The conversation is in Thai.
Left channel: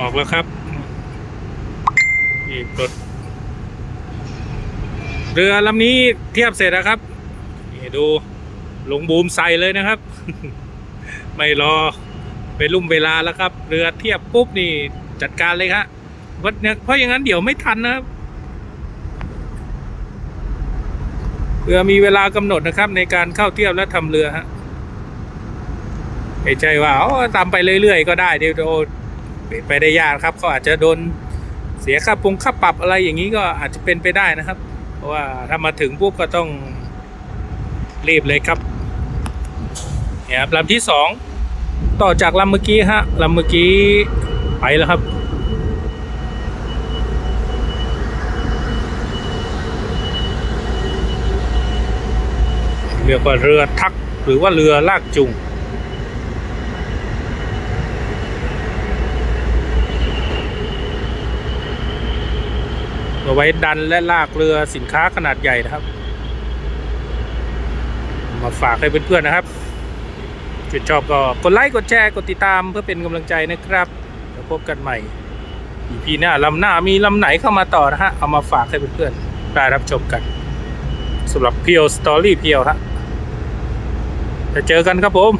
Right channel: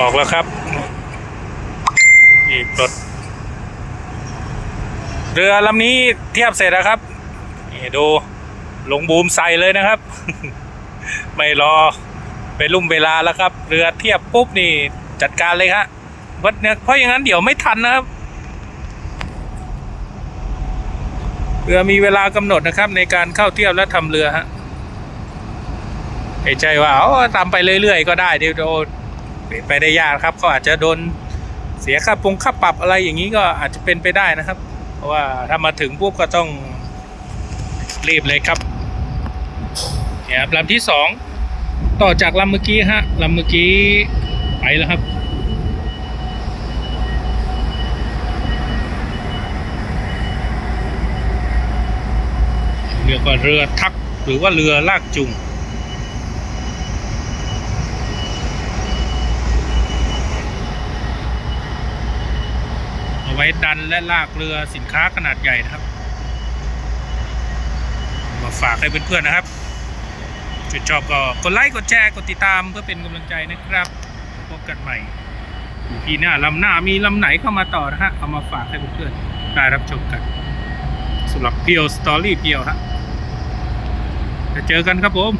ออกแล้วครับนี่ปลดเรือลำนี้เทียบเสร็จแล้วครับนี่ดูลงบูมใส่เลยนะครับ ไม่รอไปลุ่มเวลาแล้วครับ เรือเทียบปุ๊บนี่จัดการเลยครับเพราะเนี่ยเพราะอย่างนั้นเดี๋ยวไม่ทันนะครับ เรือมีเวลากำหนดนะครับ ในการเข้าเทียบและทำเรือฮะไม่ใช่ว่าอ๋อตามไปเรื่อยๆก็ได้เดี๋ยวโด เป็นไปได้ยากครับเขาอาจจะโดนเสียค่าปรุงค่าปรับอะไรอย่างนี้ก็อาจจะเป็นไปได้นะครับ เพราะว่าถ้ามาถึงปุ๊บก็ต้องรีบเลยครับเนี่ยครับลำที่สองต่อจากลำเมื่อกี้ฮะลำเมื่อกี้ไปแล้วครับเรียกว่าเรือทักหรือว่าเรือลากจูง เอาไว้ดันและลากเรือสินค้าขนาดใหญ่นะครับ มาฝากให้เพื่อนๆนะครับชื่นชอบก็กดไลค์กดแชร์กดติดตามเพื่อเป็นกำลังใจนะครับแล้วพบกันใหม่อีพีหน้าลำหน้ามีลำไหนเข้ามาต่อนะฮะ เอามาฝากให้เพื่อนๆได้รับชมกันสำหรับเพียวสตอรี่เพียวฮะจะเจอกันครับผม